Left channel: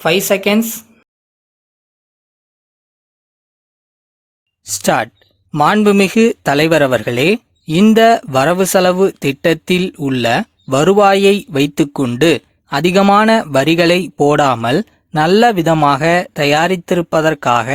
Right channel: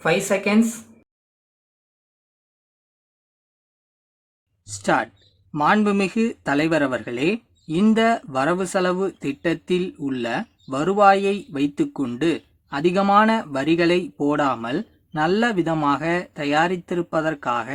5 seconds. Start. மாண்புமிகு தலைவர் அவர்களே, இந்த வரவு செலவு திட்டத்தில் உள்ள வருவாயை வைத்துக்கொண்டு அதிகமான வரிகளை போடாமல் நல்ல விதமாக தயாரித்திருப்பதற்காக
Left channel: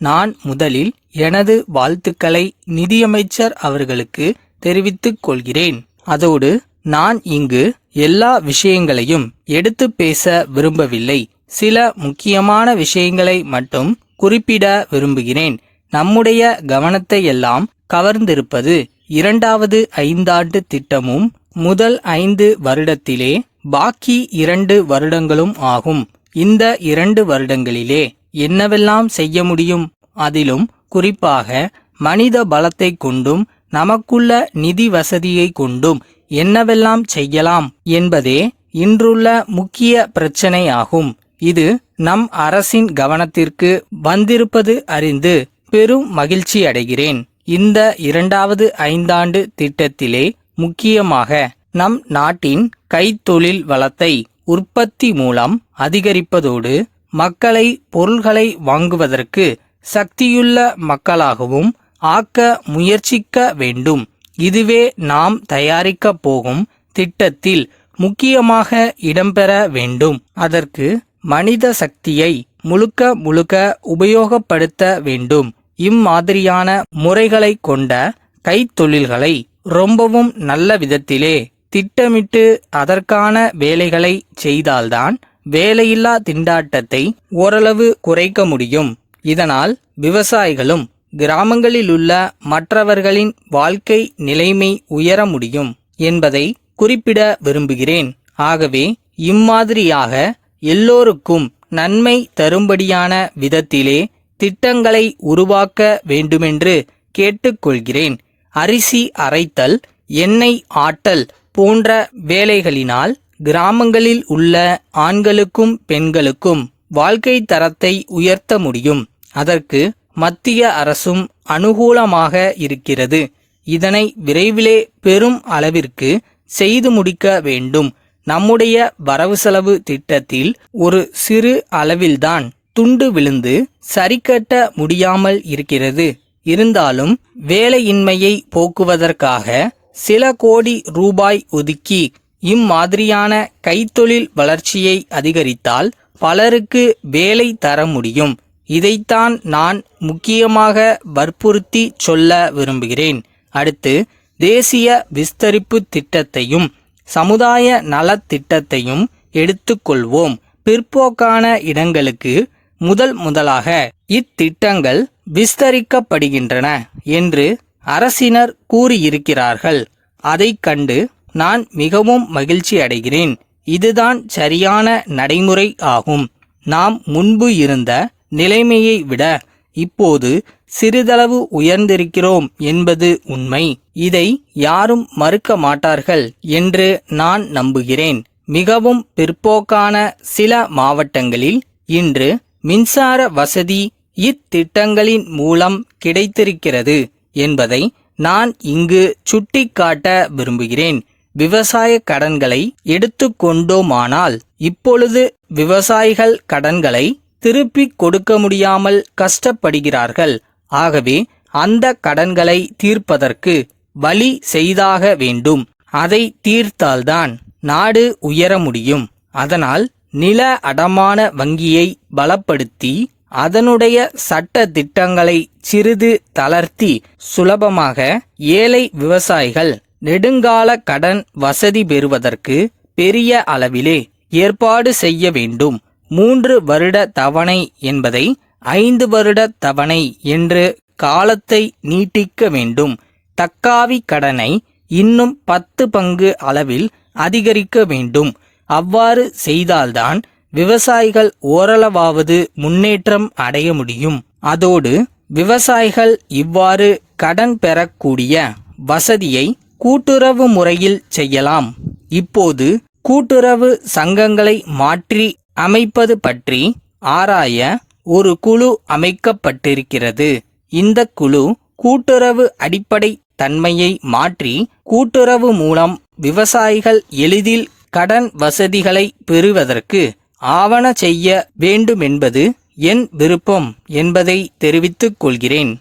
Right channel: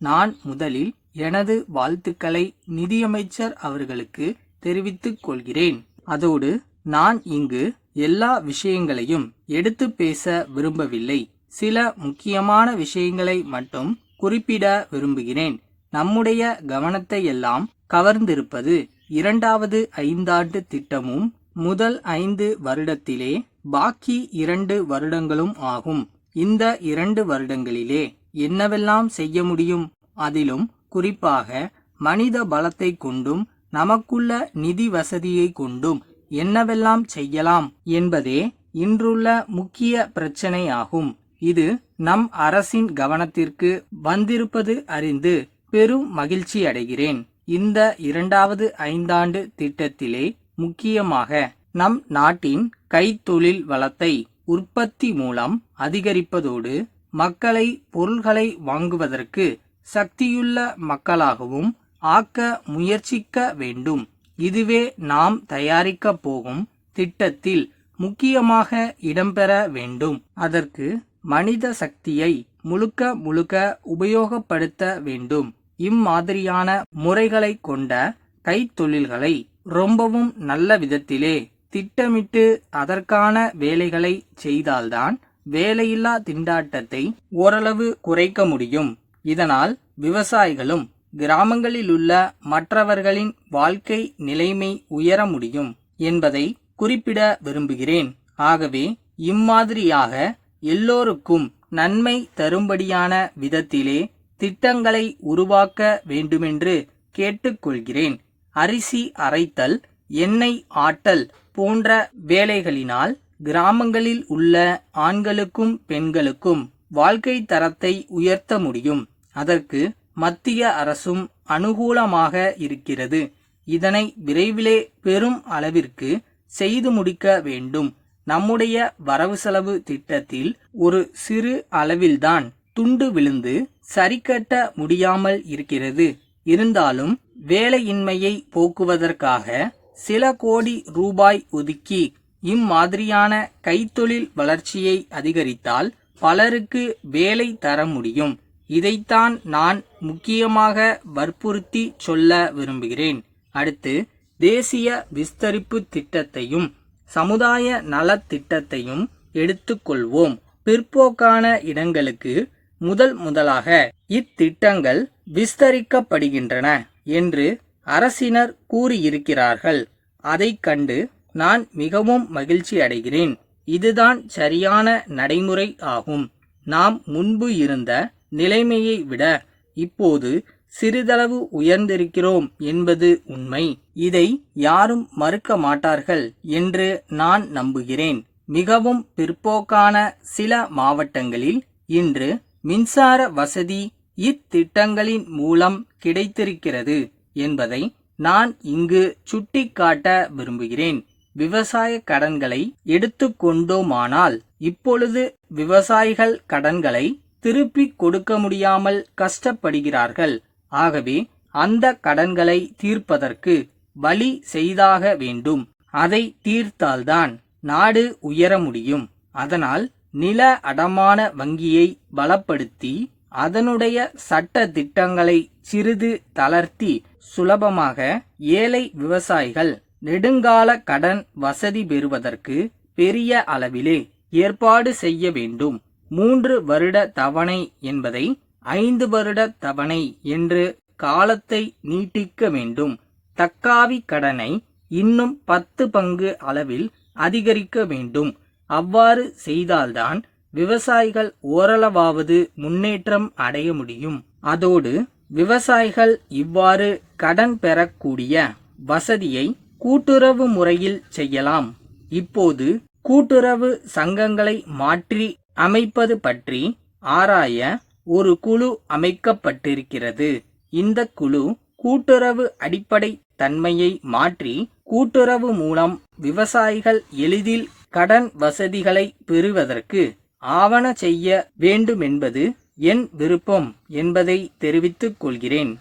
நான் முதலில் எனது வாழ்த்துக்களை நிதியமைச்சர் அவர்களுக்கு தெரிவித்துக் கொள்கிறேன். அதோடு நான் இங்கு எல்லா விஷயங்களையும் எடுத்து பேச விரும்பவில்லை. சில முக்கியமான விஷயங்களை மட்டும் குறிப்பிட விரும்புகிறேன். நம்முடைய கவனத்தை எல்லாம் கவர்ந்திருப்பது 2வது ஐந்தாண்டு திட்டமும் முதல் 5 வருடத்திலே பாக்கி 2 வருடங்களும் ஆகும். இந்த 2 வருடங்களிலே என்னவெல்லாம் செய்ய முடியும், அதிலும் குறிப்பாக மனித பலத்தை கொண்டும் நமக்குள்ள நிதி வசதியை கொண்டும் என்னவெல்லாம் செய்யலாம் என்பதே இன்றுள்ள முக்கிய பிரச்சனையாகும். இது நம் அரசின் கவனத்திற்கு வந்திருப்பது அறிந்து பெரும் மகிழ்ச்சி அடைகிறேன். இந்த 2வது ஐந்தாண்டு திட்டத்திலே முக்கியமாக நம் நாட்டின் கைத்தொழில் வளத்தை உற்பத்தி மூலம் அதிகரிப்பதோடு மக்களை பொருள்களை வாங்குவதற்கு சக்தியுள்ள மக்களாகவும் ஆக்க முயற்சிக்க வேண்டும். இதுவே நாம் தயாரிக்கப் போகும் திட்டத்தில் முக்கியமாக இடம்பெற வேண்டும். அதற்கு மனித சக்தியை முழுக்க உபயோகப்படுத்த வேண்டும். இம்மாதிரியான முறைகளை கொண்ட கைத்தொழில்களை ரொம்பவும் நல்ல விதத்திலே திட்டமிட்டு அதற்கான வேலைகளை செய்தால்தான் வேலையில்லா திண்டாட்டத்தை ஓரளவு குறைக்க முடியும். இதனால் விவசாயிகளும் கிராமங்களிலுள்ள மற்றவர்களின் வாழ்க்கை நிலைமை உயர முடியும் என்பதை குறிப்பிட விரும்புகிறேன். ஆகவே இம்மாதிரியாக எல்லோருக்கும் நன்மை தரும்படியான விதத்திலே திட்டங்களை உருவாக்க வேண்டுமென்று கேட்டுக்கொள்கிறேன். அரிசி அரைத்தல், எண்ணெய் ஆட்டல் போன்ற வேலைகளினால் கிராமங்களில் உள்ள ஆண்களுக்கும் பெண்களுக்கும் வாழ்க்கை தரத்தை உயர்த்த முடியும். அதற்கு மத்திய அரசும் அனுகூலமாக இருக்கிறது. இதனை விரைவிலே பெரும் அளவிற்கு செய்து முடிக்க வேண்டும். நம்முடைய வரவு செலவு திட்டத்தில் ஒரு சிறு அளவில்தான் துண்டு விழுந்து சரிக்கட்ட முடியாமல் இருக்கிறது. இருந்தாலும் வேலையின்மையை போக்குவதற்காக சில கோடி ரூபாய் ஒதுக்கி இம்மாதிரியான கைத்தொழில் வளர்ச்சியை அதிகரித்தால் பலருக்கு வேலை தர முடியும். இதைத்தான் நான் முக்கியமாக வற்புறுத்தி சொல்ல விரும்புகிறேன். அடுத்து தேசிய விஸ்தரிப்பு திட்டத்தையும் சமுதாய நலத்திட்டத்தையும் எடுத்துக்கொள்வோம். பிற்போக்கான இடங்களுக்கு முதலாக இத்திட்டங்கள் விஸ்தரிக்கப்படுகின்றன என்று அரசினர் கூறியிருக்கிறார்கள். அதைக் கண்டு நான் மிகவும் மகிழ்ச்சி அடைகிறேன். இதுதான் சரியான நடைமுறை ஆகும். நாம் முன்பு இருந்த நிலைமையை விட இப்போது சிறிதளவு உயர்ந்திருக்கிறோம் என்பது உண்மை. இதை யாரும் மறுக்க மாட்டார்கள் என்று நான் நம்புகிறேன். மிகவும் பிற்போக்கான சில மாவட்டங்களில் இன்று மின்சார வசதி இத்திட்டங்களின் மூலம் கிடைத்திருக்கிறது என்பதை நான் இங்கு சுட்டிக்காட்ட விரும்புகிறேன். விவசாய கடன்களை எடுத்துக்கொண்டோமானால் இப்பொழுது விவசாயிகள் கடன்களை திருப்பிக் கொடுக்க முடியாமல் கஷ்டப்படுகிறார்கள். ஆகவே அந்த கடன்களை தீர்ப்பதற்கு வழி செய்தாக வேண்டும். அதை தீர்த்தால்தான் நாடு உயர முடியும். அதனால் நில அடமான வங்கியை பலப்படுத்தி அதனுடைய சட்ட திட்டங்களை சிறிது தளர்த்தி சுலபமாக ஏழை விவசாயிகள் நெடுங்கால கடன் வசதி பெறுவதற்கு பெரிய அளவிலே ஏற்பாடு செய்ய வேண்டும். 3 வருட தவணை என்பதை 5 வருட தவணை என்று காலத்தை நீட்டிக்க வேண்டும். தக்காவி கடனை இன்னும் 10 பங்கு அளவில் அதிகரிக்க வேண்டும். அவ்வாறு செய்தால்தான் விவசாயிகள் ஓரளவாவது முன்னேற்றம் அடைய முடியும். அதோடு விவசாயிகள் இவ்வாறு கடன் பெறக்கூடிய வசதியை கூட்டுறவு முறையில் செய்யலாம். இப்போது கூட்டுறவு சங்கங்களை மாற்றி அமைப்பது பற்றி ஆராய ஒரு குழு அமைக்கப்பட்டிருக்கிறது. இந்த குழு கூட்டுறவு அடிப்படை தன்மையை மாற்றி கூட்டுறவு மூலம் விவசாயிகள் எளிதில் கடன் வசதிகளை பெறுவதற்கு ஆவன செய்ய வேண்டுமென்பது என் விருப்பம் என்பதை தெரிவித்துக் கொள்கிறேன்.